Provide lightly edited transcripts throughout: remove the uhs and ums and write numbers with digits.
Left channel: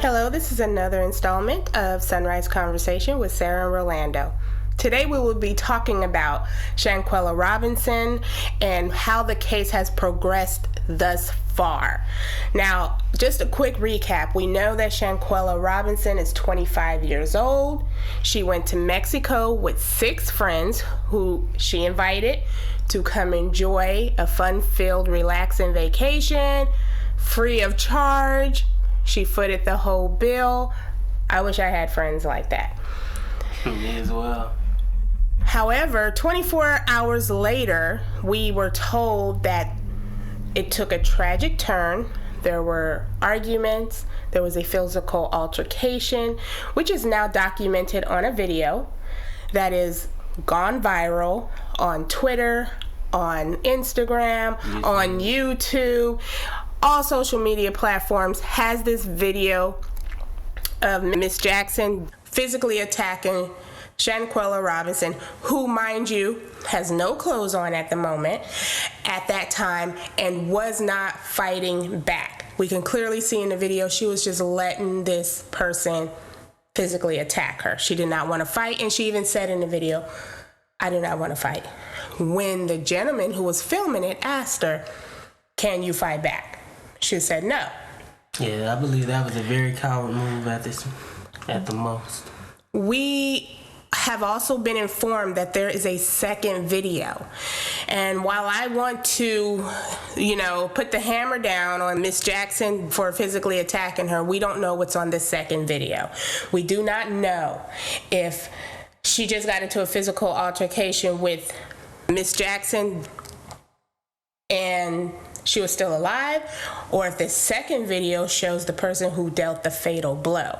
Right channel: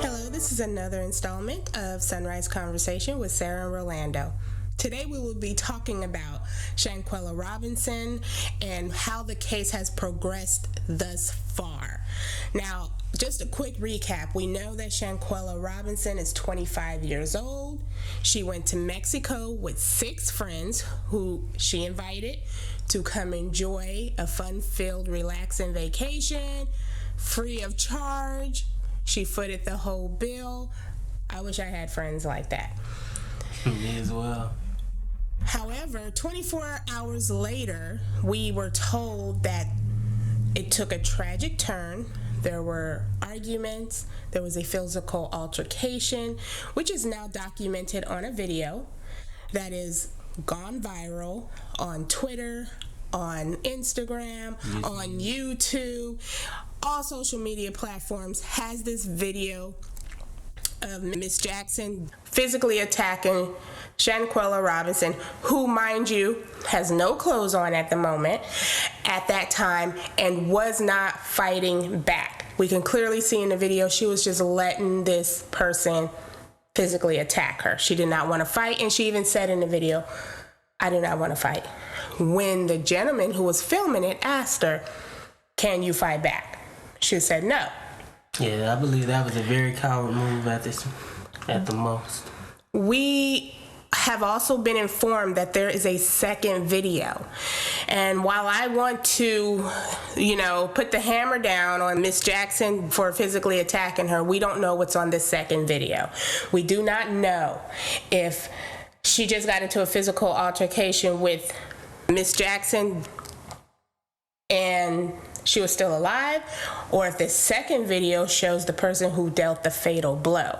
Hello, this is another installment of Sunrise Conversation with Sarah and Rolando. Today we will be talking about Shanquella Robinson and how the case has progressed thus far. Now, just a quick recap. We know that Shanquella Robinson is 25 years old. She went to Mexico with 6 friends who she invited to come enjoy a fun-filled, relaxing vacation, free of charge. She footed the whole bill. I wish I had friends like that. Me as well. However, 24 hours later, we were told that it took a tragic turn. There were arguments. There was a physical altercation, which is now documented on a video that is gone viral on Twitter, on Instagram, on YouTube. All social media platforms has this video of Miss Jackson physically attacking Shanquella Robinson, who, mind you, has no clothes on at the moment, at that time, and was not fighting back. We can clearly see in the video she was just letting this person physically attack her. She did not want to fight, and she even said in the video, "I do not want to fight." When the gentleman who was filming it asked her, "Can you fight back?" She said no. Yeah, I believe that was a very coward move at the most. We have also been informed that there is a second video. And while I want to, put the hammer down on Miss Jackson for physically attacking her, we don't know what's on this second video. We do not know if she just got into a physical altercation with Miss Jackson and she was still alive, or if this second video shows the person who dealt the fatal blow.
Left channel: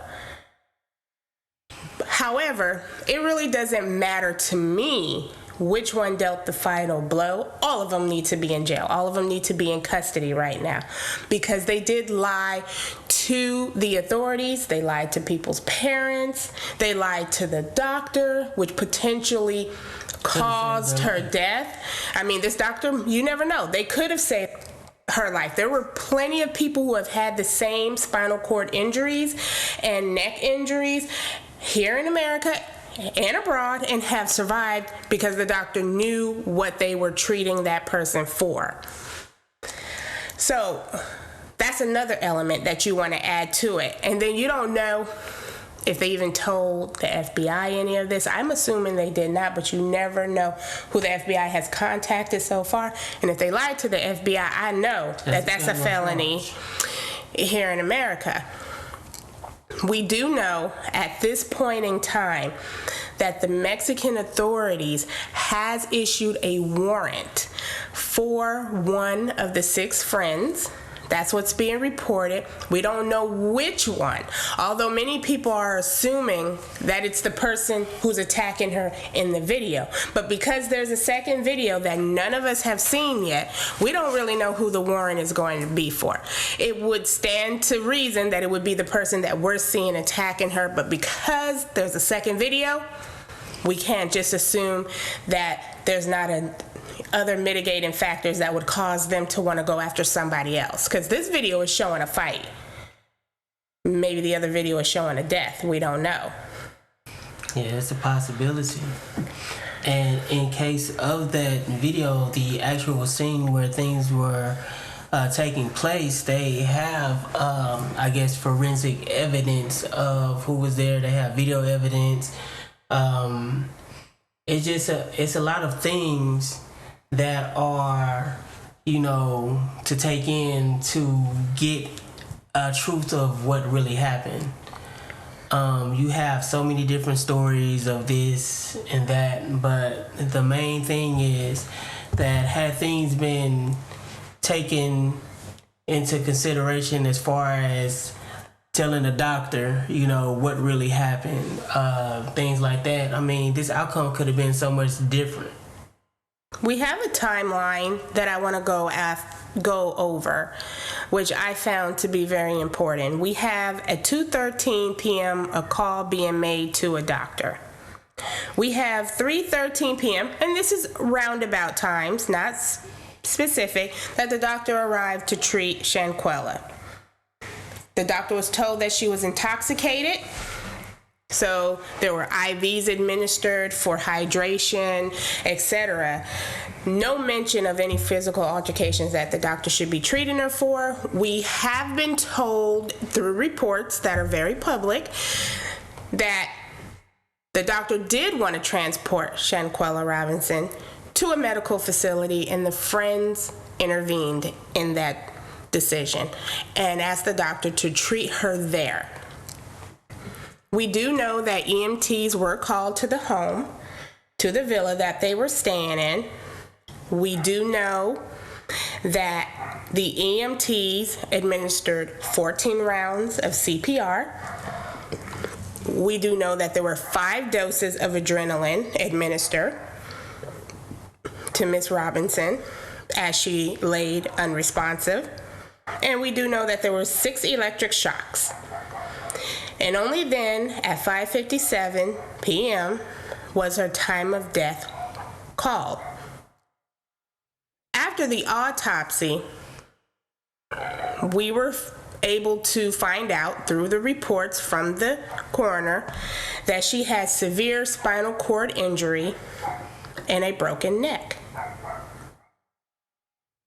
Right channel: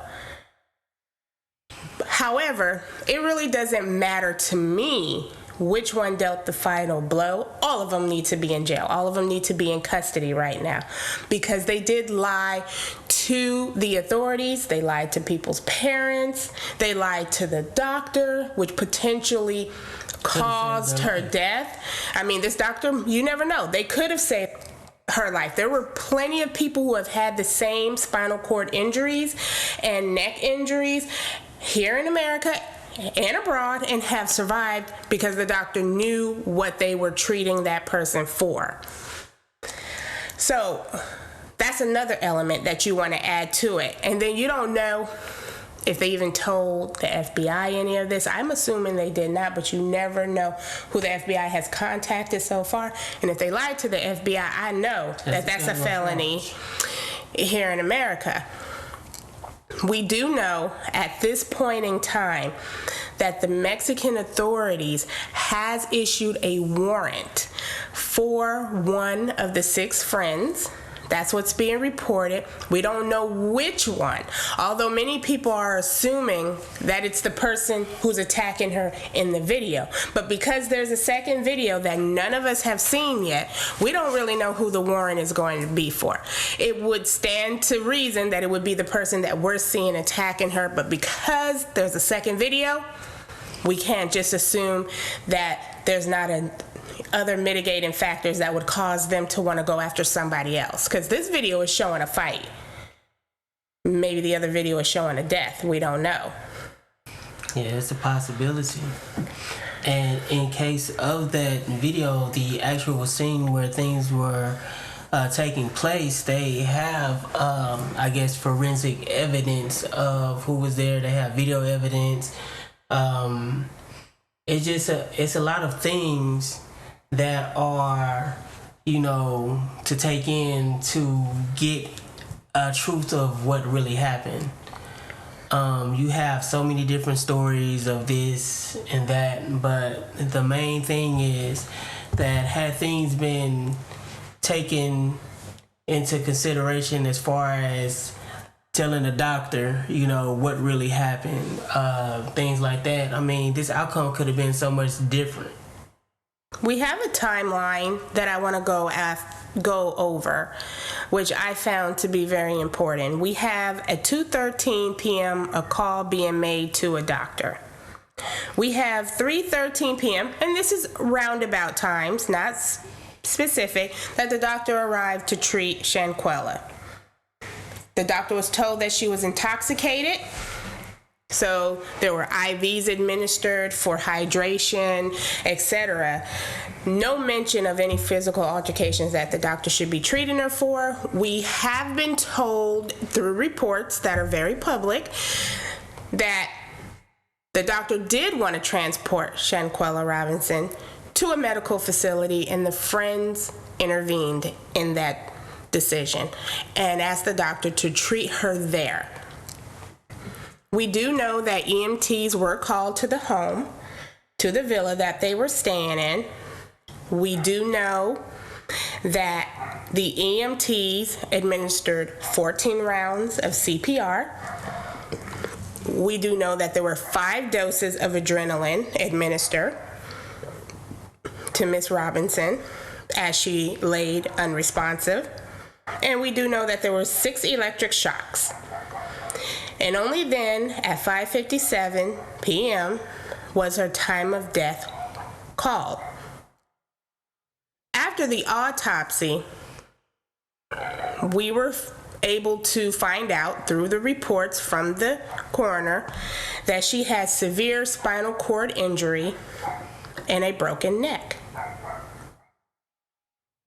However, it really doesn't matter to me which one dealt the final blow. All of them need to be in jail. All of them need to be in custody right now because they did lie to the authorities. They lied to people's parents. They lied to the doctor, which potentially caused her death. I mean, this doctor, you never know. They could have saved her life. There were plenty of people who have had the same spinal cord injuries and neck injuries here in America and abroad and have survived because the doctor knew what they were treating that person for. So that's another element that you want to add to it. And then you don't know if they even told the FBI any of this. I'm assuming they did not, but you never know who the FBI has contacted so far. And if they lied to the FBI, I know that's a felony here in America. We do know at this point in time that the Mexican authorities has issued a warrant for one of the 6 friends. That's what's being reported. We don't know which one, although many people are assuming that it's the person who's attacking her in the video. But because there's a second video that none of us have seen yet, we don't really know who the warrant is going to be for. It would stand to reason that it would be the person that we're seeing attacking her, but because there's a second video, we can't just assume that there's not other mitigating factors that would cause them to want to go after somebody else. Because this video is showing a fight. Maybe the other video is showing a death. We don't know. Yeah, it's a possibility. And in case of that video, the actual scene where things were taking place, they have, forensic evidence of who was there. They have video evidence. It's a lot of things that are, to take in to get a truth of what really happened. You have so many different stories of this and that, but the main thing is that had things been taken into consideration as far as telling the doctor, what really happened, things like that, I mean, this outcome could have been so much different. We have a timeline that I want to go over, which I found to be very important. We have at 2:13 p.m. a call being made to a doctor. We have 3:13 p.m., and this is roundabout times, not specific, that the doctor arrived to treat Shanquella. The doctor was told that she was intoxicated. So there were IVs administered for hydration, etc. No mention of any physical altercations that the doctor should be treating her for. We have been told through reports that are very public that the doctor did want to transport Shanquella Robinson to a medical facility, and the friends intervened in that decision and asked the doctor to treat her there. We do know that EMTs were called to the home, to the villa that they were staying in. We do know that the EMTs administered 14 rounds of CPR. We do know that there were 5 doses of adrenaline administered to Miss Robinson as she laid unresponsive. And we do know that there were 6 electric shocks. And only then, at 5:57 p.m., was her time of death called. After the autopsy, we were able to find out through the reports from the coroner that she had severe spinal cord injury and a broken neck.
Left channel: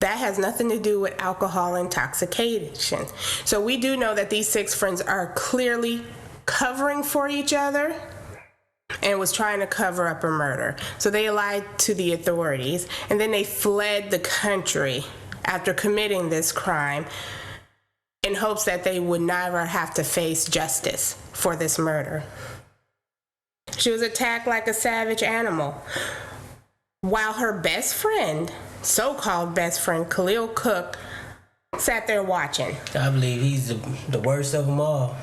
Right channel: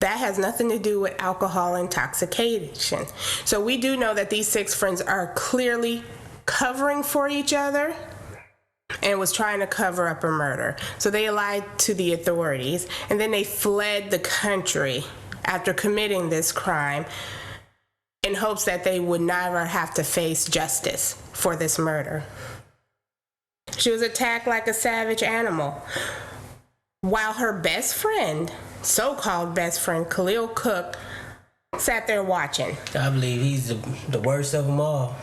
That has nothing to do with alcohol intoxication. So we do know that these 6 friends are clearly covering for each other and was trying to cover up a murder. So they lied to the authorities, and then they fled the country after committing this crime in hopes that they would never have to face justice for this murder. She was attacked like a savage animal, while her best friend, so-called best friend, Cooke, sat there watching. I believe he's the worst of them all.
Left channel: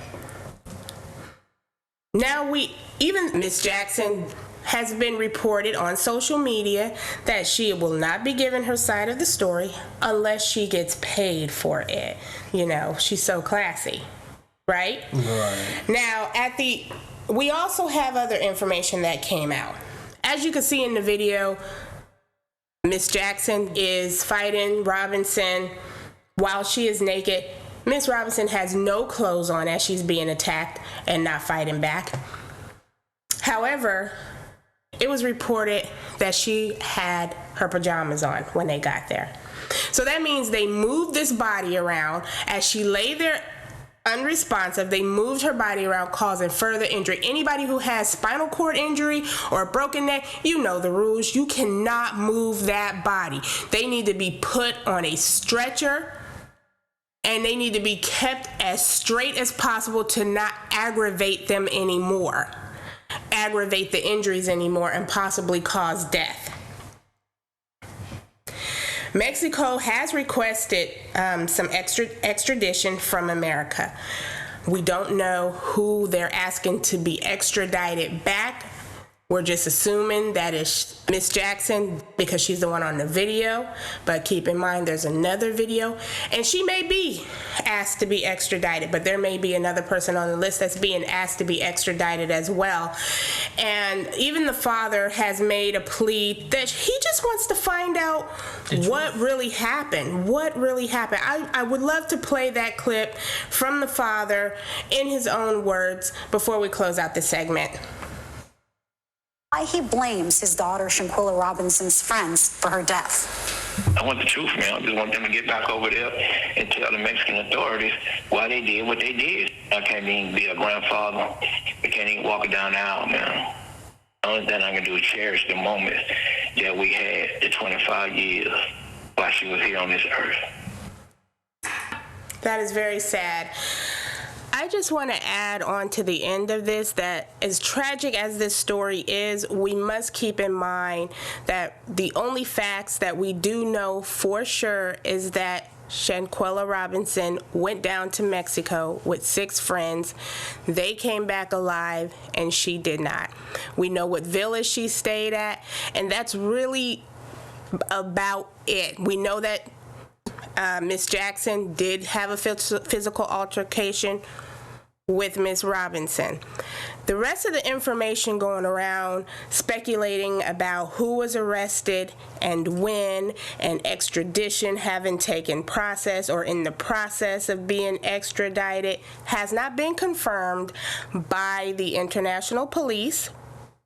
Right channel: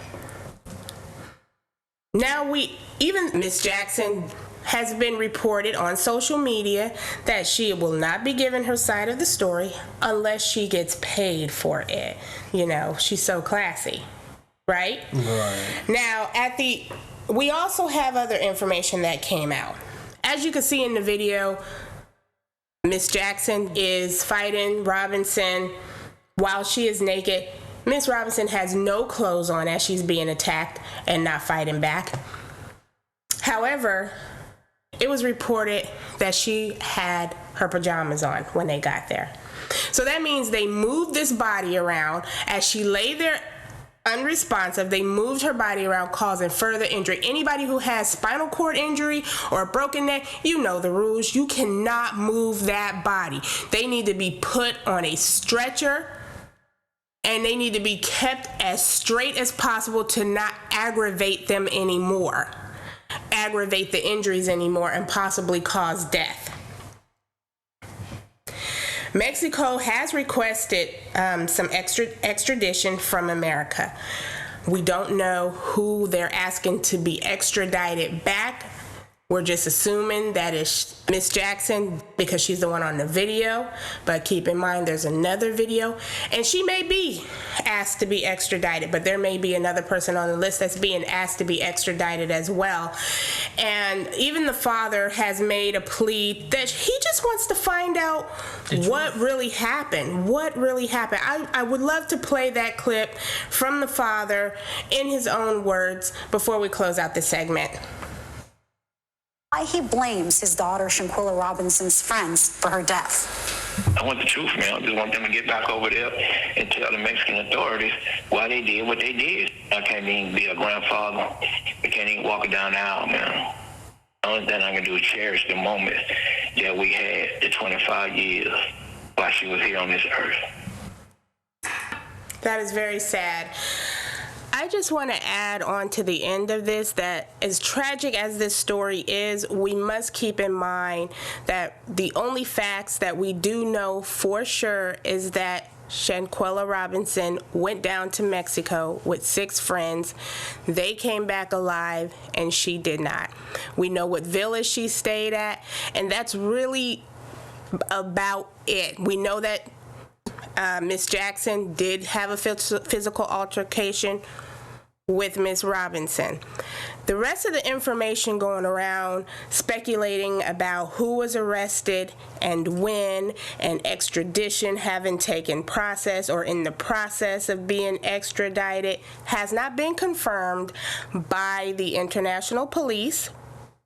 Now even Miss Jackson has been reported on social media that she will not be giving her side of the story unless she gets paid for it. You know, she's so classy, right? Right. Now, we also have other information that came out. As you can see in the video, Miss Jackson is fighting Robinson while she is naked. Miss Robinson has no clothes on as she's being attacked and not fighting back. However, it was reported that she had her pajamas on when they got there. So that means they moved this body around as she lay there unresponsive. They moved her body around, causing further injury. Anybody who has spinal cord injury or a broken neck, you know the rules. You cannot move that body. They need to be put on a stretcher, and they need to be kept as straight as possible to not aggravate them anymore, aggravate the injuries anymore, and possibly cause death. Mexico has requested some extradition from America. We don't know who they're asking to be extradited back. We're just assuming that it's Miss Jackson because she's the one on the video. But keep in mind, there's another video, and she may be asked to be extradited, but there may be another person on the list that's being asked to be extradited as well. And even the father has made a plea that he just wants to find out what really happened. What really happened? I would love to play that clip from the father in his own words before we close out this segment. Why he blames his daughter Shanquella Robinson's friends for her death. I want the truth, man. I just want them to get back over there and tell the Mexican authorities why they did what they did. I can't even be a grandfather. I can't even walk down the aisle, man. The only thing I can do is cherish the moment that we had, the 25 years while she was here on this earth. That is very sad. I just want to add on to the end of this that as tragic as this story is, we must keep in mind that the only facts that we do know for sure is that Shanquella Robinson went down to Mexico with 6 friends. They came back alive, and she did not. We know what village she stayed at, and that's really about it. We know that Miss Jackson did have a physical altercation with Ms. Robinson. The rest of the information going around speculating about who was arrested and when, and extradition having taken process or in the process of being extradited, has not been confirmed by the international police,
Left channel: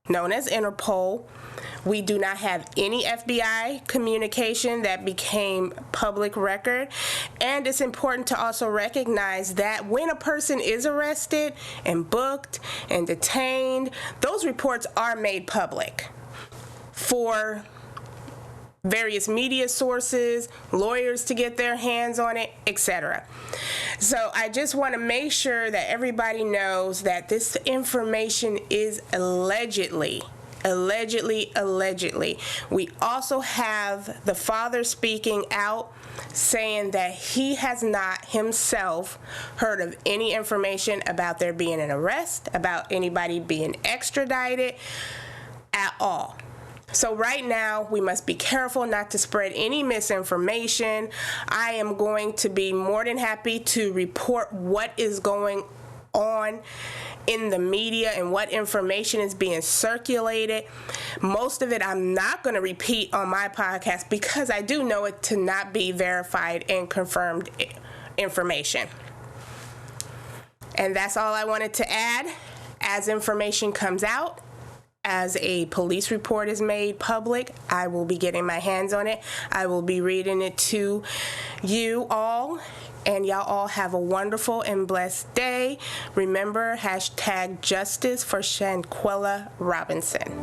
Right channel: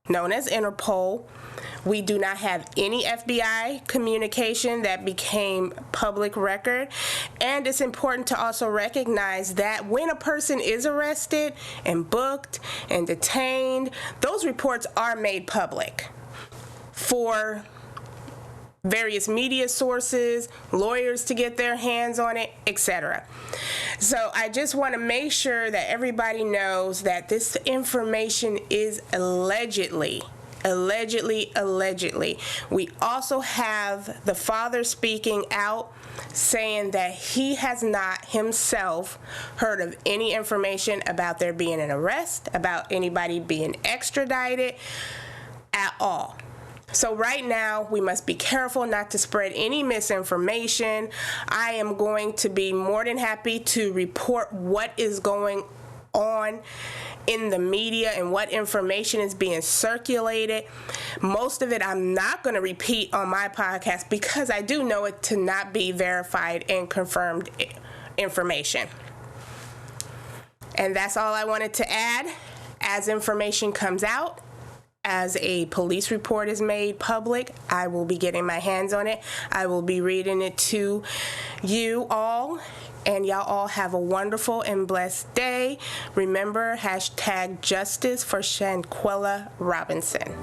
known as Interpol. We do not have any FBI communication that became public record. And it's important to also recognize that when a person is arrested and booked and detained, those reports are made public for various media sources, lawyers to get their hands on it, etc. So I just want to make sure that everybody knows that this information is allegedly. We also have the father speaking out saying that he has not himself heard of any information about there being an arrest, about anybody being extradited at all. So right now, we must be careful not to spread any misinformation. I am going to be more than happy to report what is going on in the media and what information is being circulated. Most of it I'm not going to repeat on my podcast because I do know it to not be verified and confirmed information. And that's all I wanted to add. As information comes out, as a police report is made public, I will be getting my hands on it. I will be reading it to you all. And y'all all have a wonderful and blessed day. Remember, #justice for Shanquella Robinson.